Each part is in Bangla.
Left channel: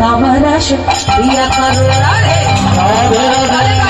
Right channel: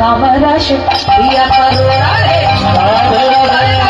नाम रस पिया करो राधे राधे राधे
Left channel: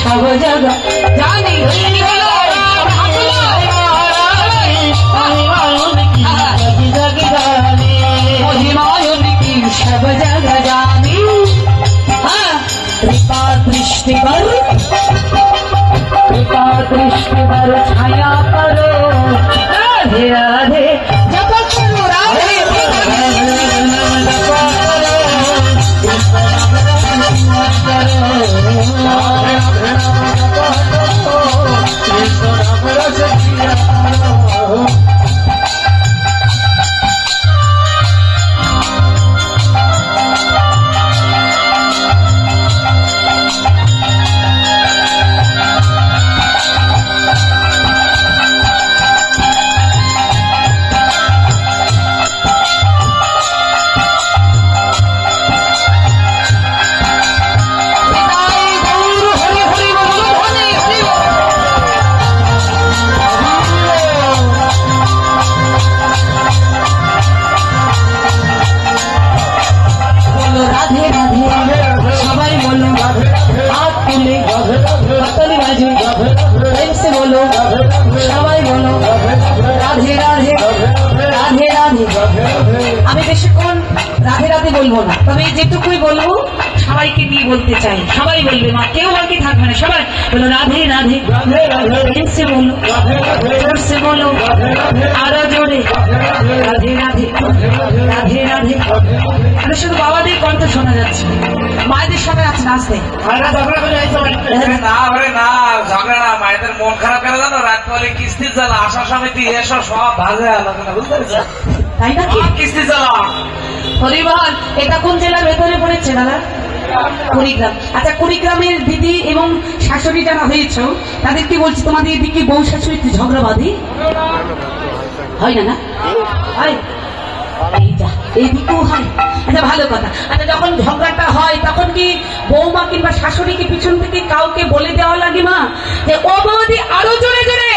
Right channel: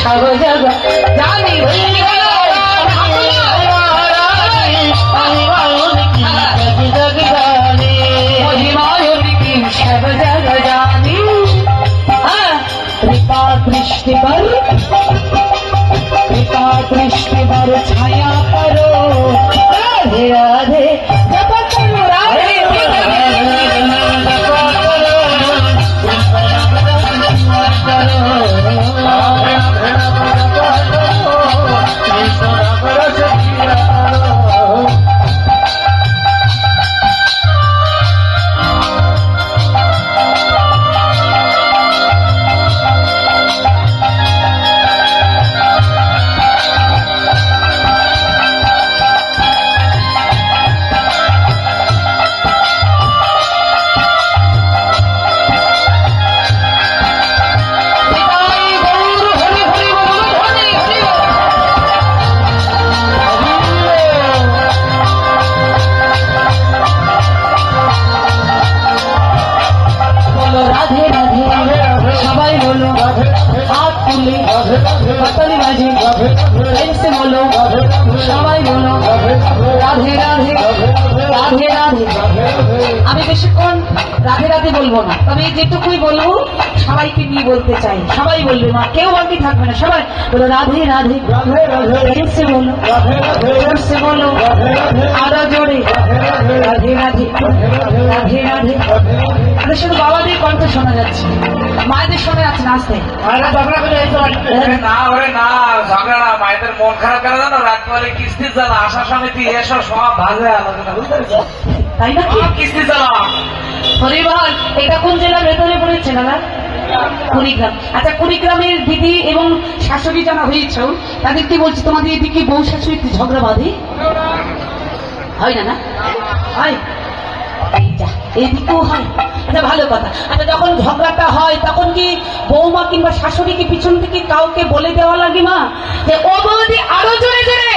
सब जगह जानी सब जगह जानी कृपा दृष्टि पर छाया करो राधे राधे जप करो राधे আমি বেশিক্ষণ রাধে রাধে বলবো না, তবে যেটুকুই বলবো সবাইকে নিয়ে বলতে চাই। সবাই বলবে, মা কেউ বাকি থাকবে না, সবাই বলো রাধে রাধে জোরসে বলো, জোরসে বলো, আরো জোরে রাধে রাধে রাধে রাধে। আমি শুধু বাবাদের কণ্ঠ শোনা যাচ্ছে, মায়েদের শোনা যাচ্ছে না। আসতে মায়েদের মন খারাপ করে জানো, রাত পরে কিস্তির জ্বালা, আশা সমিতি এসব সব ভাজে আলোচনা, বুঝতে পেরেছেন? তাই নাকি? কিস্তির জ্বালা। হরিবল, এটা কোন জেলার ভেতরে পড়েছে দাদা? কুড়িগ্রাম। আচ্ছা, কুড়িগ্রামের দিদি এবং শাশুড়ি যারা হয়েছ তাদের কি বলছি, তোমাদের এদিকে বউ শাশুড়ি ঝগড়া বাঁধে হয় না? না হয়, এইদিকেও হয়। আচ্ছা, ভালো কথা। আচ্ছা, যখন ঝগড়াটা হয় তখন কি বৌমা কিংবা শাশুড়িকে পিছন থেকে কাউকে বলে দেওয়া লাগে মা যে ও বৌদি আরো জোরে জোরে,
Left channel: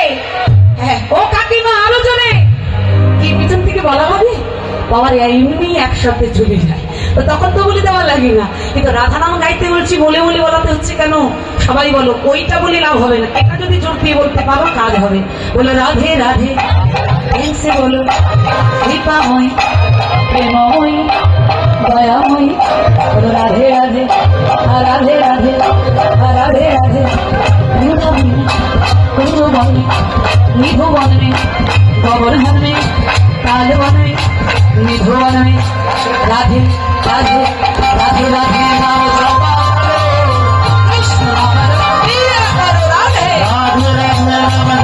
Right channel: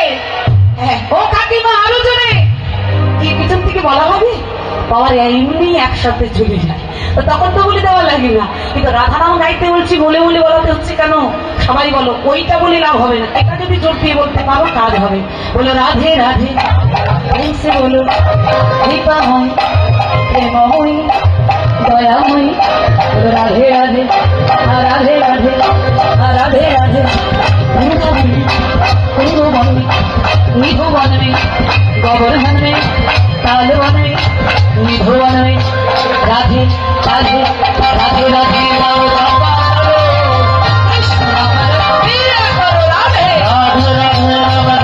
হ্যাঁ ও কাকিমা আরো জোরে, কি পিছন থেকে বলা হবে? বাবার এমনি এক শব্দে ঝুলে যায়, তো তখন তো বলে দেওয়া লাগে না। কিন্তু রাধা নাম গাইতে বলছি, বলে বলে বলাতে হচ্ছে কেন? সবাই বলো ওইটা বলে লাভ হবে না, এটা যদি জোর দিয়ে বলতে পারো কাজ হবে। বলো রাধে রাধে বলো, কৃপাময় প্রেমময়ী দয়াময়ী, রাধে রাধে রাধে রাধে রাধে রাধে। कुंजवन में, निधुवन में, गोवर्धन में, तालवन में, निधुवन में, राधे राधे राधे राधे नाम जपा करो, कृष्ण नाम प्रिय करो, राधे राधे राधे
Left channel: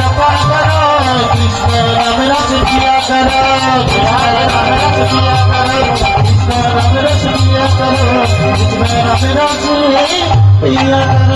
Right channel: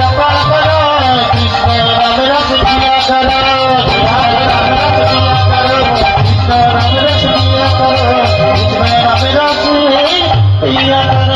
রাজে